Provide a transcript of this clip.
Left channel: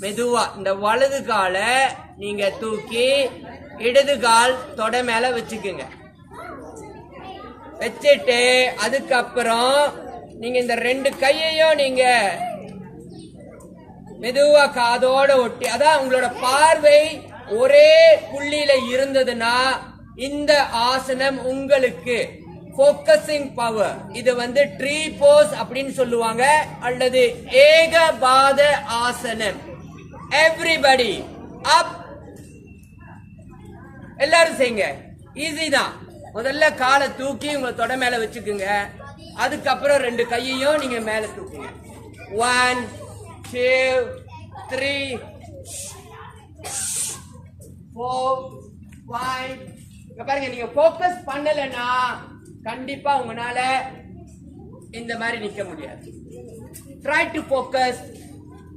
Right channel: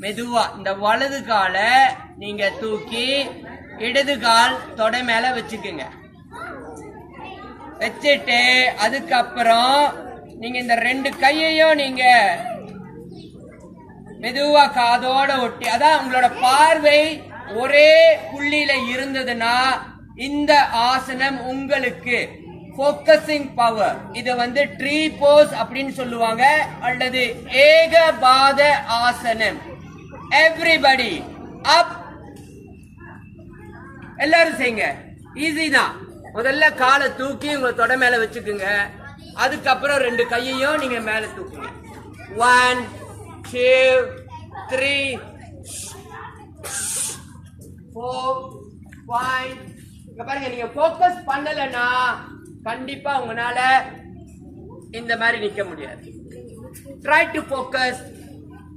மெதுவா இந்த வலது காலை நீங்க தூக்கி இடது கால் தொடை மேல வச்சுக்குங்க. வச்சுட்டு அதுக்கப்புறம் நீங்க இந்த ரெண்டு கையையும் நீங்க மெதுவா காதோட ஒட்டி அதான் உங்களோட பார்வை ஒரே புள்ளியில இருந்ததுன்னா இந்த ஆசனம் உங்களுக்கு ஃபோக்கஸிங் பவர் இது வந்து ட்ரீ போஸ் அப்படின்னு சொல்லுவாங்க. அல்லது ஏகபாத ஆசனம். எவ்ரிபடி அப் எல்லாரும் செய்யுங்க. ஈஸி தான். முதல்ல காலை தூக்கி உங்க தொடை மேல வச்சுக்குங்க. அதுக்கப்புறம் ரெண்டு கையையும் நீங்க மேல தூக்குங்க. One two three four five பாருங்க நீங்க ஃபோக்கஸ் பண்ணலன்னா கண்டிப்பா உங்களால இந்த மாதிரி நிக்க முடியாது. Try to focus